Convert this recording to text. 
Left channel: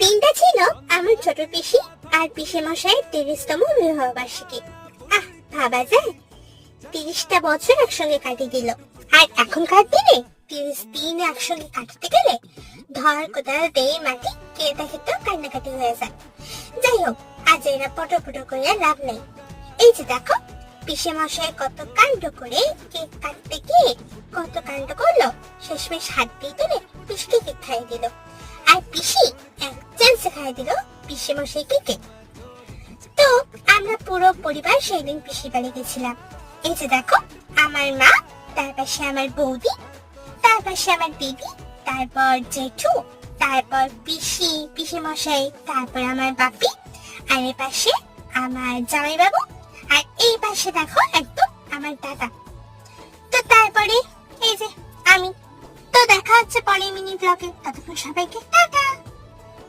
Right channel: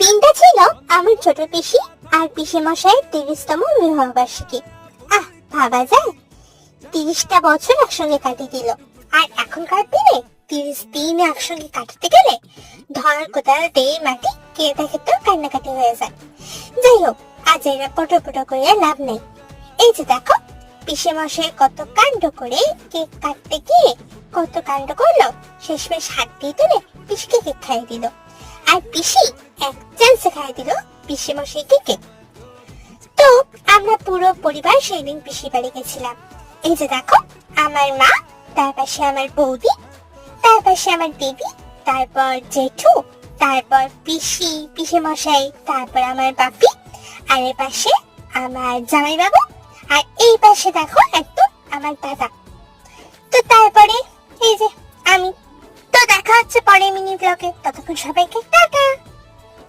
দিনটা ছিল আমার ছোট পিসি আর পিসে মশাইয়ের 30তম বিবাহ বার্ষিকী। ভাবা যায় 30টা বছর একসঙ্গে কাটিয়ে দিল। আর এখনকার দিনে 30 দিন একসঙ্গে কাটাতে গেলে ধর কোথাও দেই মাটি কে দেখে তো কান্নাকাটি হয়ে যায়। যাই হোক, আজ এরা পটো পটো করে লাভ নেই। এই যে দেখো, পিসে মশাই কত কাণ্ড করে কেক কাটতে গিয়ে কত কাণ্ড করলো, শেষমেশ হাত দিয়ে তুলে পিসিকে কেক খাইয়ে দিল। আর পিসি এক চান্সে খাইয়ে দিল পিসে মশাইকে কেক। তো আমরা পুরো পরিবার সেদিন পিসির বাড়ি গেছিলাম। এই যে দেখো, আমার মা, তার পাশে আমার বৌদি, তার পাশে আমার দিদি, তারপর জেঠু, তারপর পিসি, পিসে মশাই, তারপর আমার বাপি, আর এর পাশে আমার জামাই বাবু, আর এই পাশে দেখো একদম আমার দাদা। তো তারপরে এই যে আমি। তো দেখা হচ্ছে পরের মিনি ব্লগে, ততক্ষণ সবাইকে টাটা।